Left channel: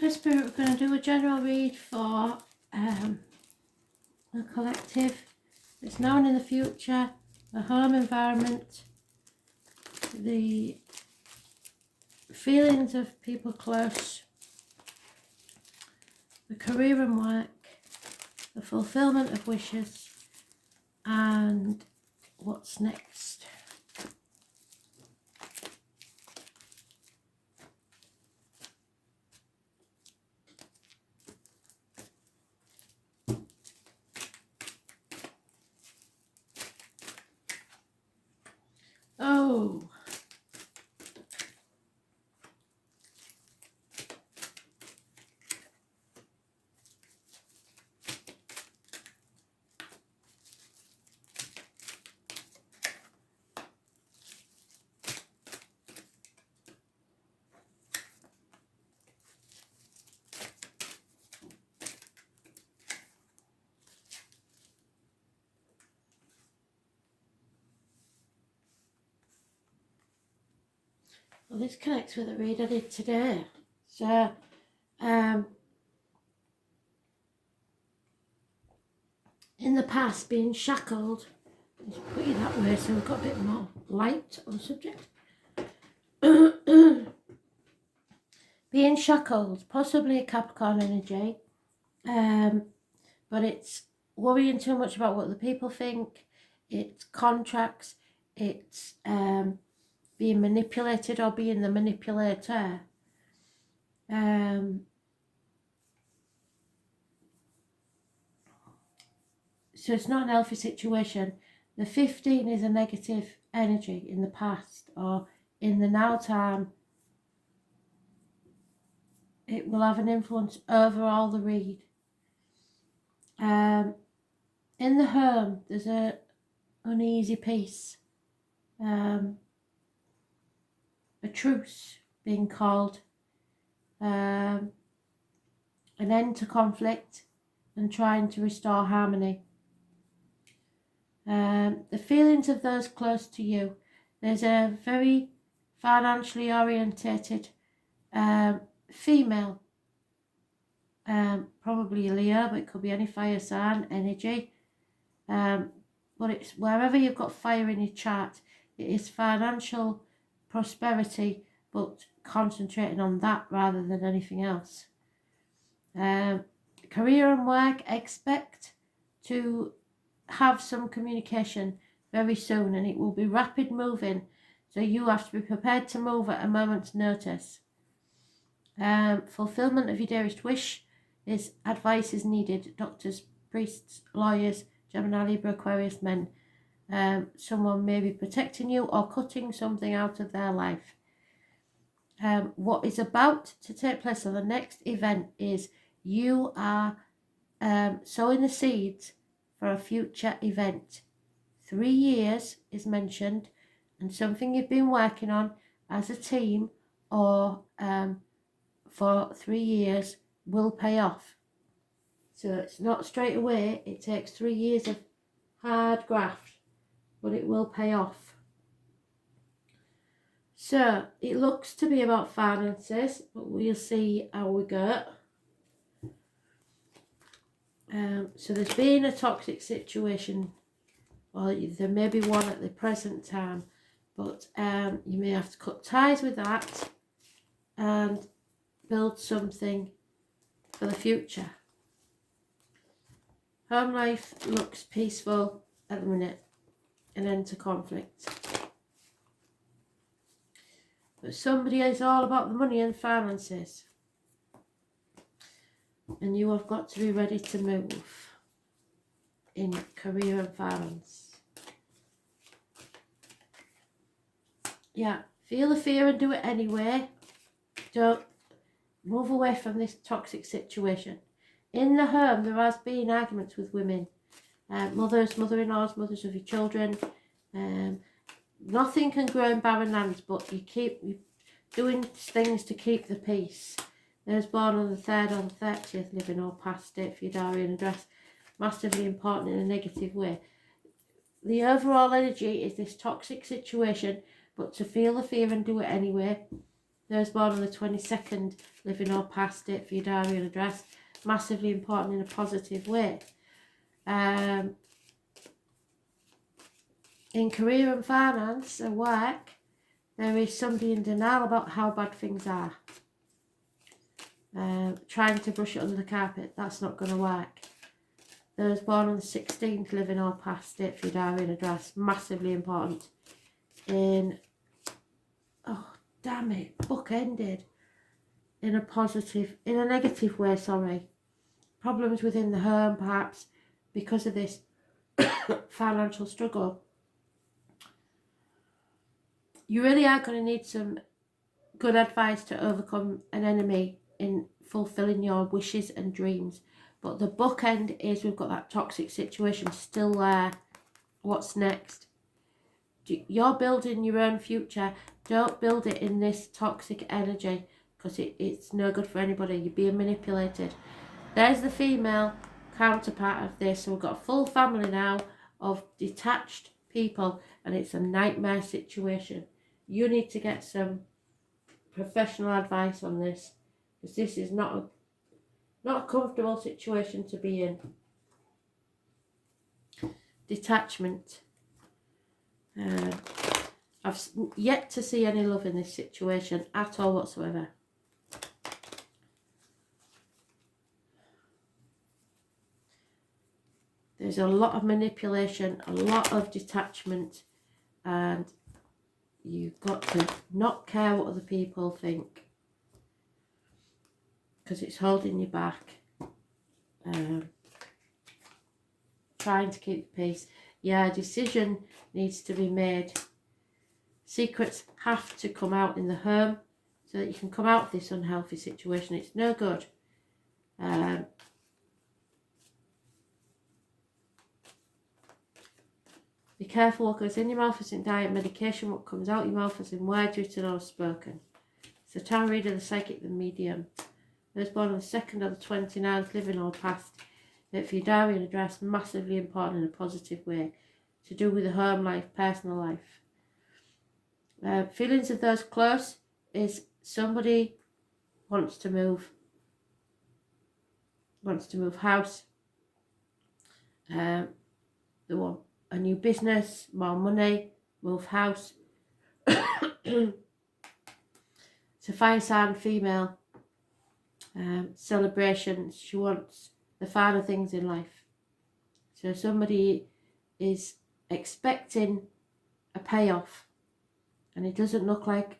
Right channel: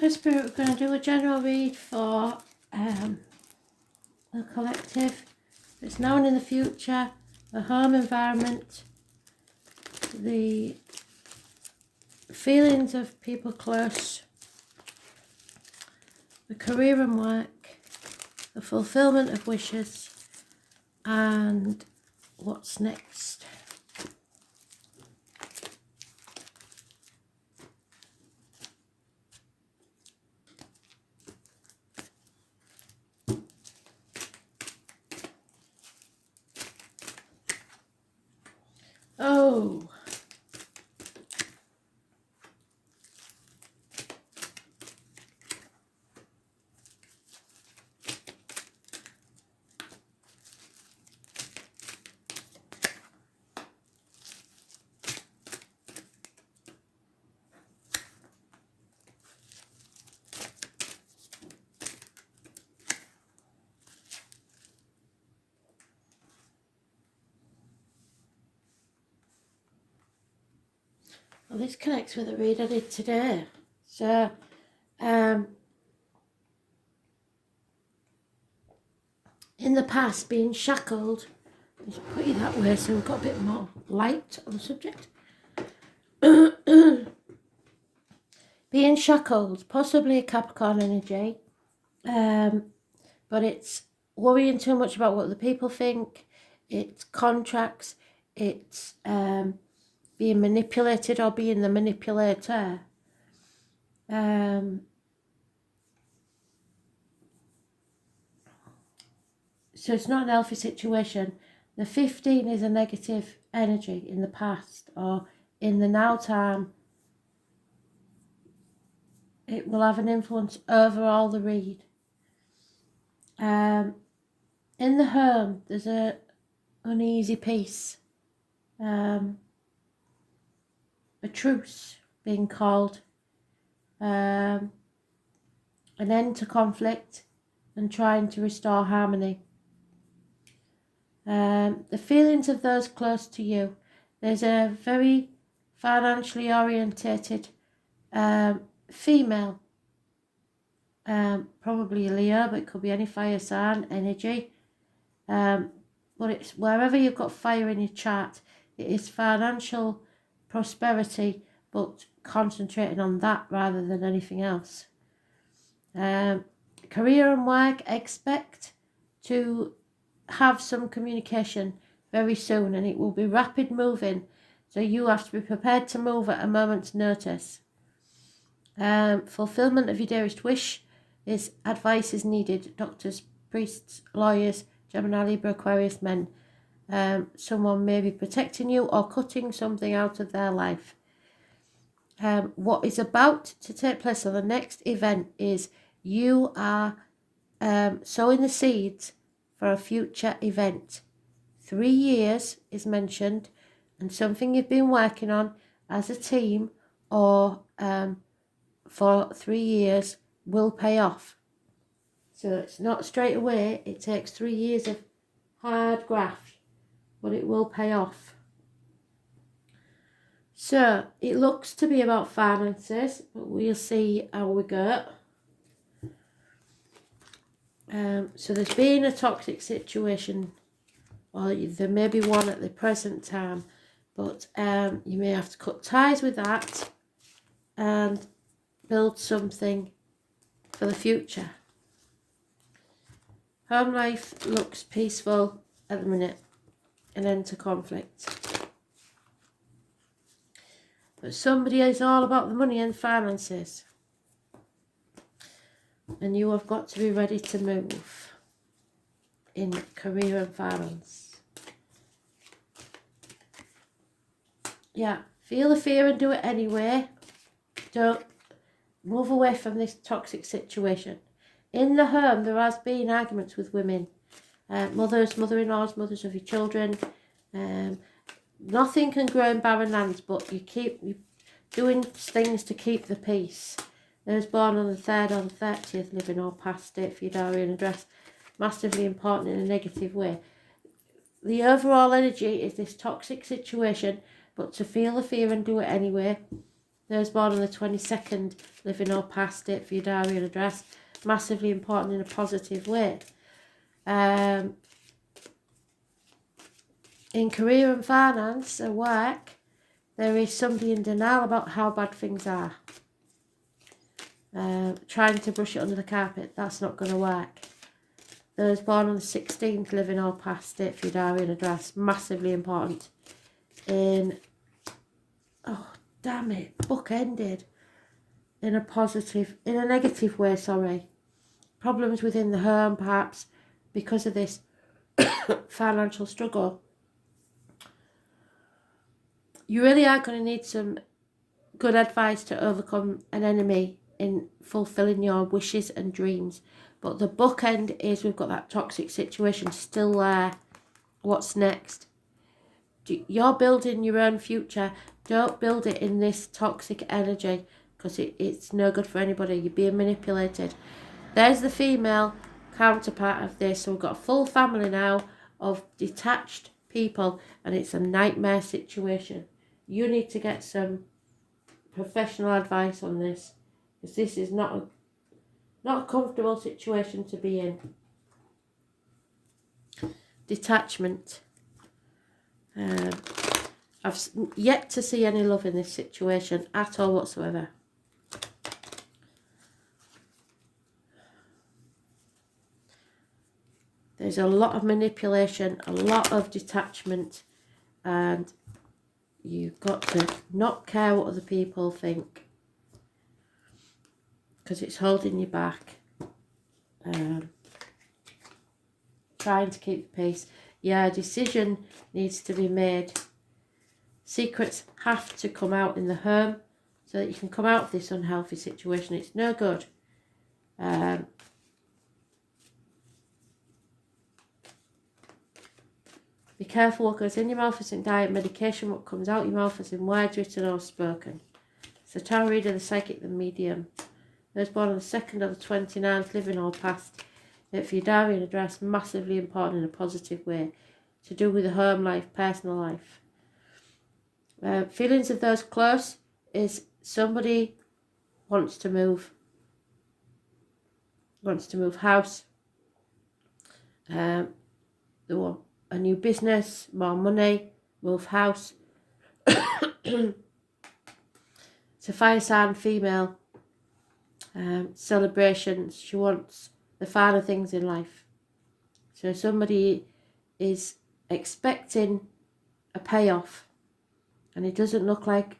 For Spirit, we're going to do a general read for the collective. It's now and in the future, the home environment, the feelings of people close, the career and work, the fulfillment of wishes, and what's next. Oh, well, this connects with the read I did today. So, in the past, being shackled, let's put it that way so we've got a bit more light on the subject. Being shackled, possibly a Capricorn energy, but it's worrying too much about what the people think, it's contracts, it's being manipulated or being the manipulator. So it's not an healthy situation. The 15 is a negative energy in the past or in the now time. It will have an influence over all the read. In the home, there's a uneasy peace. A truce being called. An end to conflict and trying to restore harmony. The feelings of those close to you. There's a very financially orientated female, probably a Leo, but it could be any fire sign energy. But it's wherever you've got fire in your chart, it is financial prosperity, but concentrating on that rather than anything else. Career and work, expect to have some communication very soon, and it will be rapid moving, so you have to be prepared to move at a moment's notice. Fulfillment of your dearest wish is advice is needed. Doctors, priests, lawyers, Gemini, Libra, Aquarius, men. Someone may be protecting you or cutting something out of their life. What is about to take place on the next event is you are sowing the seeds for a future event. 3 years is mentioned, and something you've been working on as a team or for 3 years will pay off. So it's not straight away, it takes 3 years of hard graft, but it will pay off. So it looks to be about finances, but we'll see how we go. So there's been a toxic situation, or there may be one at the present time, but you may have to cut ties with that and build something for the future. Home life looks peaceful at the minute, an end to conflict. But somebody is all about the money and finances. And you have got to be ready to move in career and finance. Yeah, feel the fear and do it anyway. Don't move away from this toxic situation. In the home, there has been arguments with women. Mothers, mother-in-laws, mothers of your children. Nothing can grow in barren lands, but you doing things to keep the peace. Those born on the 3rd or the 30th, living or past it for your diary and address, massively important in a negative way. The overall energy is this toxic situation, but to feel the fear and do it anyway. Those born on the 22nd, living or past it for your diary and address. Massively important in a positive way. In career and finance and work, there is somebody in denial about how bad things are. Trying to brush it under the carpet, that's not going to work. Those born on the 16th, living or past it for your diary and address. Massively important in... Oh, damn it. Book ended. In a negative way, sorry. Problems within the home, perhaps, because of this financial struggle. You really are going to need some good advice to overcome an enemy in fulfilling your wishes and dreams. But the bookend is we've got that toxic situation still there. What's next? You're building your own future. Don't build it in this toxic energy, because it's no good for anybody. You're being manipulated. There's the female counterpart of this. So we've got a full family now of detached people, and it's a nightmare situation. You need to get some professional advice on this, because this is not a comfortable situation to be in. Detachment. I've yet to see any love in this situation at all whatsoever. There's a lot of manipulation, a lot of detachment, and you've got to not care what other people think, because it's holding you back. Trying to keep the peace. Yeah, a decision needs to be made. Secrets have to come out in the home so that you can come out of this unhealthy situation. It's no good. Be careful what goes in your mouth isn't diet medication. What comes out your mouth is in words written or spoken. It's the tarot reader, the psychic, the medium. Those born on the 2nd or the 29th, living or past. For your diary and address, massively important in a positive way. To do with the home life, personal life. Feelings of those close is somebody wants to move house. They want a new business, more money, move house. It's a fire sign female. Celebrations. She wants the finer things in life. So somebody is expecting a payoff, and it doesn't look like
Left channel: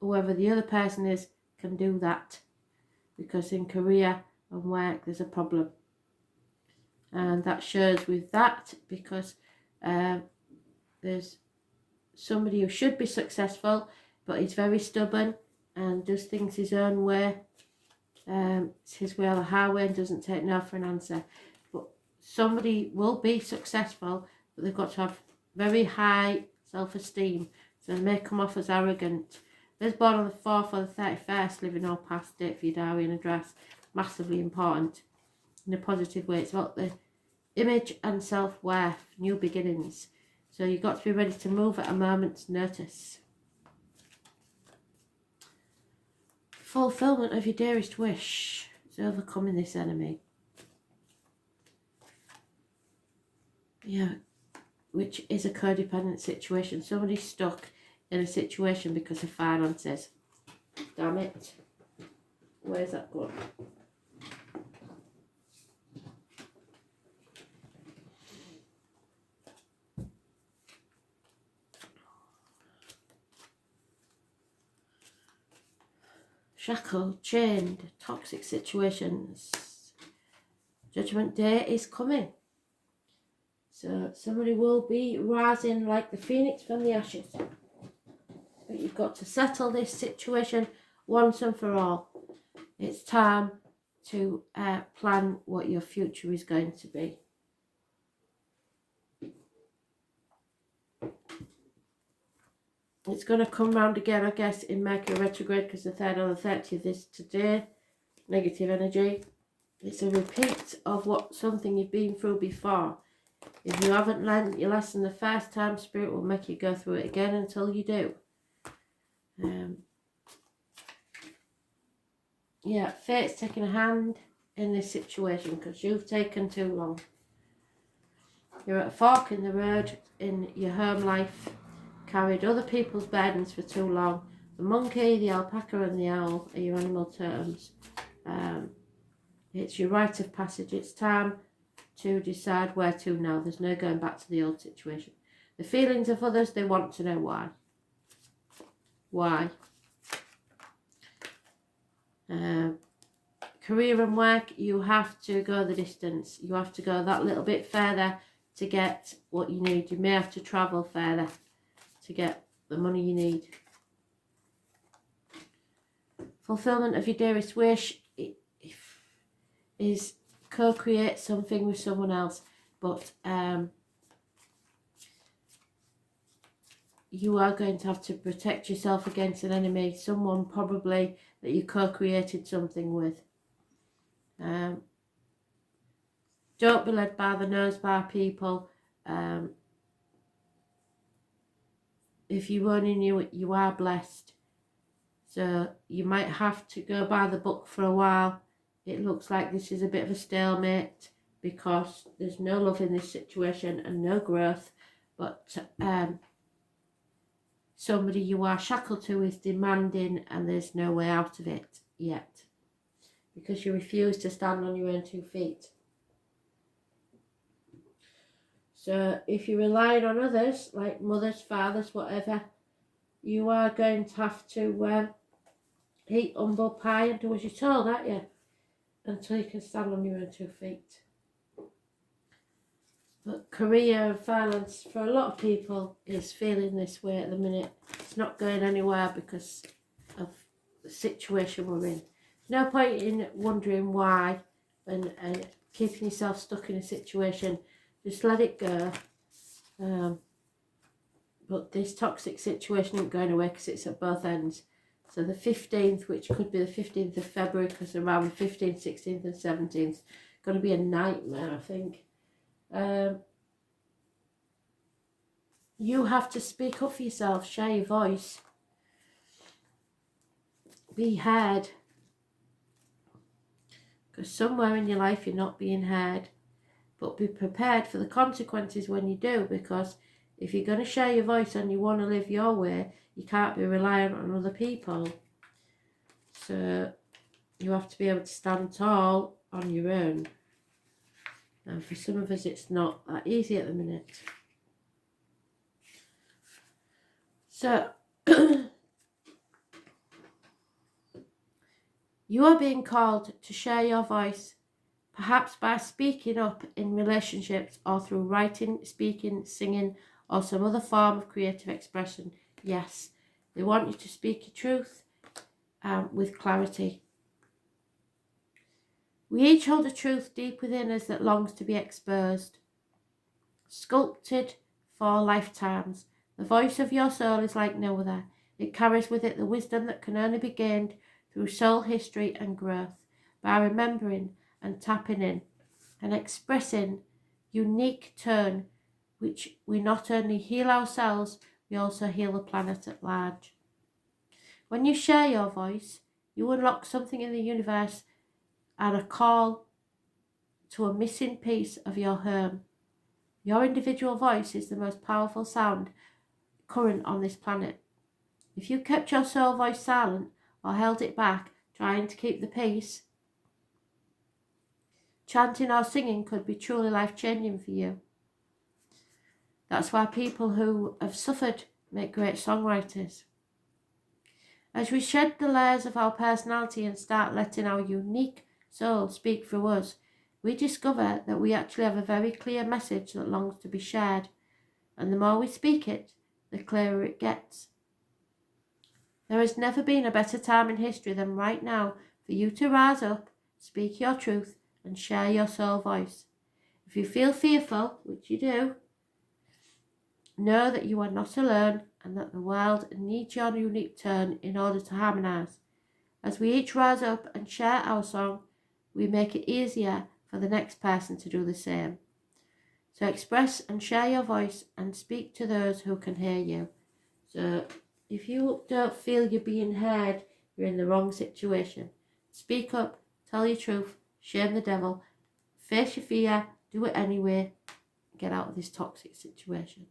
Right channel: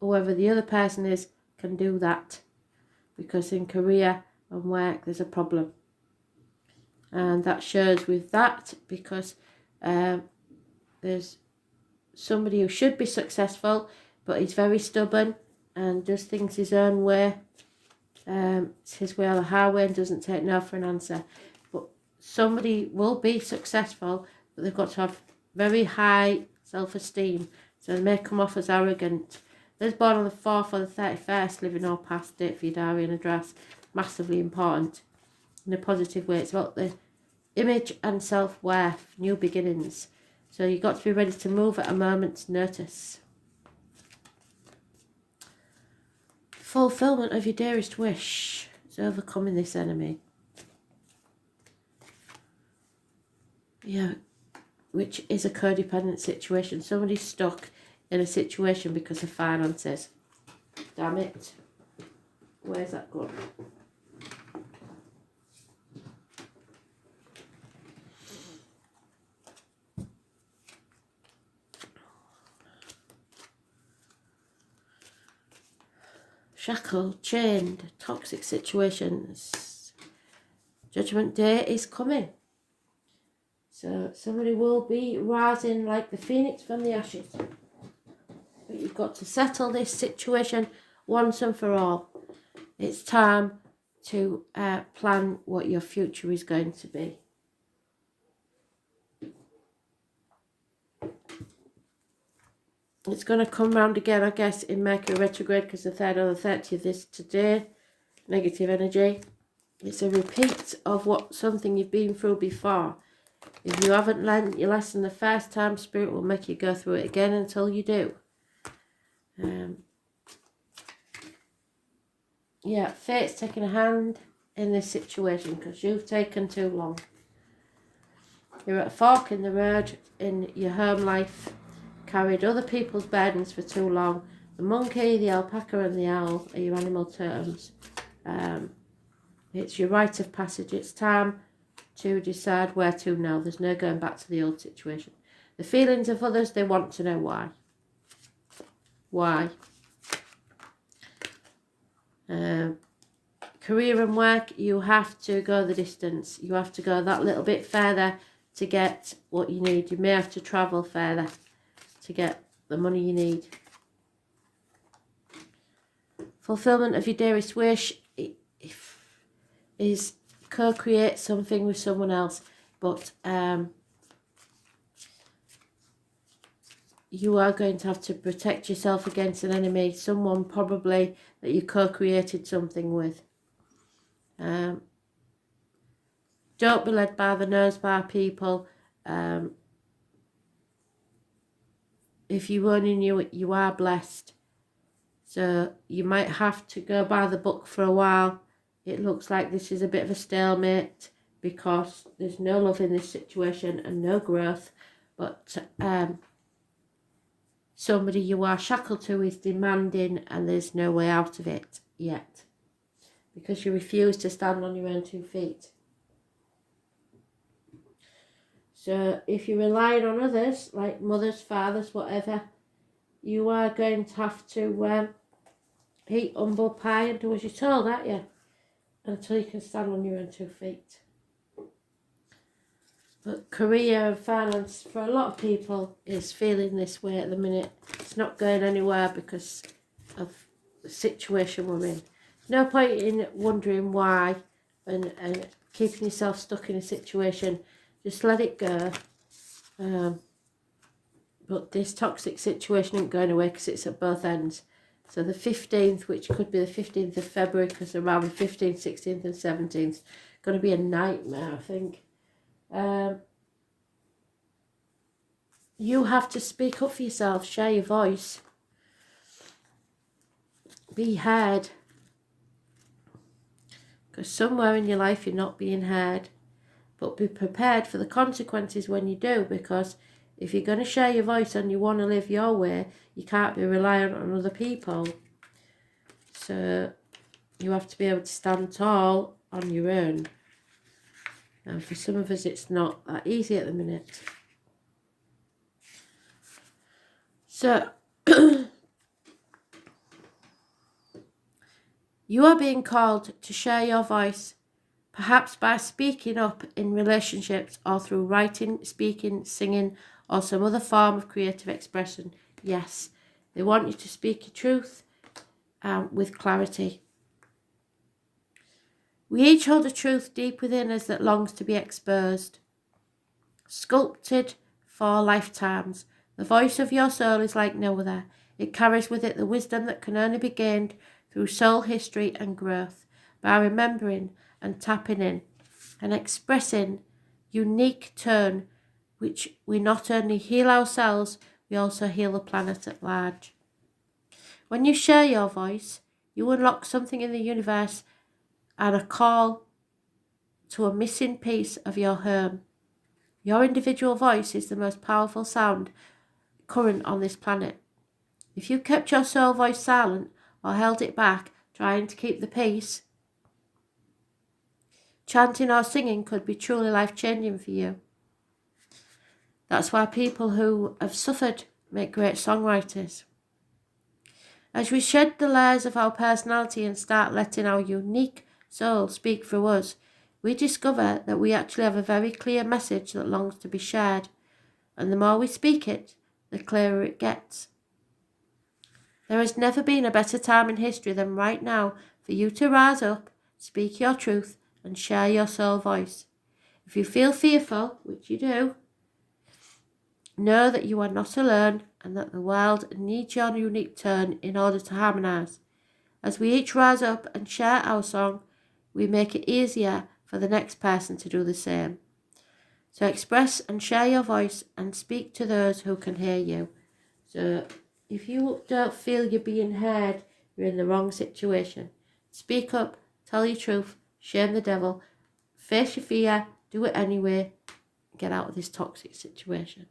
whoever the other person is can do that, because in career and work there's a problem, and that shows with that, because there's somebody who should be successful but he's very stubborn and does things his own way. It's his way or the highway, and doesn't take no for an answer. But somebody will be successful, but they've got to have very high self-esteem, so they may come off as arrogant. Those born on the 4th or the 31st, living or past date for your diary and address, massively important in a positive way. It's about the image and self-worth, new beginnings. So you've got to be ready to move at a moment's notice. Fulfillment of your dearest wish is overcoming this enemy. Yeah, which is a codependent situation. Somebody's stuck in a situation because of finances. Damn it. Where's that gone? Shackled, chained, toxic situations. Judgment Day is coming. So somebody will be rising like the phoenix from the ashes. But you've got to settle this situation once and for all. It's time to plan what your future is going to be. It's going to come round again, I guess, in Mercury retrograde, because the 3rd or the 30th is today. Negative energy. It's a repeat of something you've been through before. If you haven't learned your lesson the first time, Spirit will make you go through it again until you do. Yeah, fate's taking a hand in this situation because you've taken too long. You're at a fork in the road in your home life, carried other people's burdens for too long. The monkey, the alpaca and the owl are your animal terms. It's your rite of passage. It's time to decide where to now. There's no going back to the old situation. The feelings of others, they want to know why. Why? Career and work, you have to go the distance. You have to go that little bit further to get what you need. You may have to travel further to get the money you need. Fulfillment of your dearest wish is co-create something with someone else, but you are going to have to protect yourself against an enemy, someone probably that you co-created something with. Don't be led by the nose by people. If you only knew it, you are blessed. So you might have to go by the book for a while. It looks like this is a bit of a stalemate because there's no love in this situation and no growth. But somebody you are shackled to is demanding and there's no way out of it yet because you refuse to stand on your own 2 feet. So if you're relying on others, like mothers, fathers, whatever, you are going to have to eat humble pie and do as you're told, aren't you? Until you can stand on your own 2 feet. But career and finance, for a lot of people, is feeling this way at the minute. It's not going anywhere because of the situation we're in. No point in wondering why and keeping yourself stuck in a situation. Just let it go. But this toxic situation isn't going away because it's at both ends. So the 15th, which could be the 15th of February, because around the 15th, 16th and 17th, going to be a nightmare, I think. You have to speak up for yourself, share your voice. Be heard. Because somewhere in your life you're not being heard. But be prepared for the consequences when you do, because if you're going to share your voice and you want to live your way, you can't be reliant on other people. So you have to be able to stand tall on your own. And for some of us, it's not that easy at the minute. So you are being called to share your voice, perhaps by speaking up in relationships or through writing, speaking, singing, or some other form of creative expression. Yes, they want you to speak your truth with clarity. We each hold a truth deep within us that longs to be exposed. Sculpted for lifetimes, the voice of your soul is like no other. It carries with it the wisdom that can only be gained through soul history and growth, by remembering and tapping in and expressing unique tone, which we not only heal ourselves, we also heal the planet at large. When you share your voice, you unlock something in the universe and a call to a missing piece of your home. Your individual voice is the most powerful sound current on this planet. If you kept your soul voice silent or held it back, trying to keep the peace, chanting or singing could be truly life-changing for you. That's why people who have suffered make great songwriters. As we shed the layers of our personality and start letting our unique soul speak through us, we discover that we actually have a very clear message that longs to be shared, and the more we speak it, the clearer it gets. There has never been a better time in history than right now for you to rise up, speak your truth, and share your soul voice. If you feel fearful, which you do, know that you are not alone and that the world needs your unique tone in order to harmonise. As we each rise up and share our song, we make it easier for the next person to do the same. So express and share your voice and speak to those who can hear you. So if you don't feel you're being heard, you're in the wrong situation. Speak up, tell your truth, shame the devil, face your fear, do it anyway, get out of this toxic situation.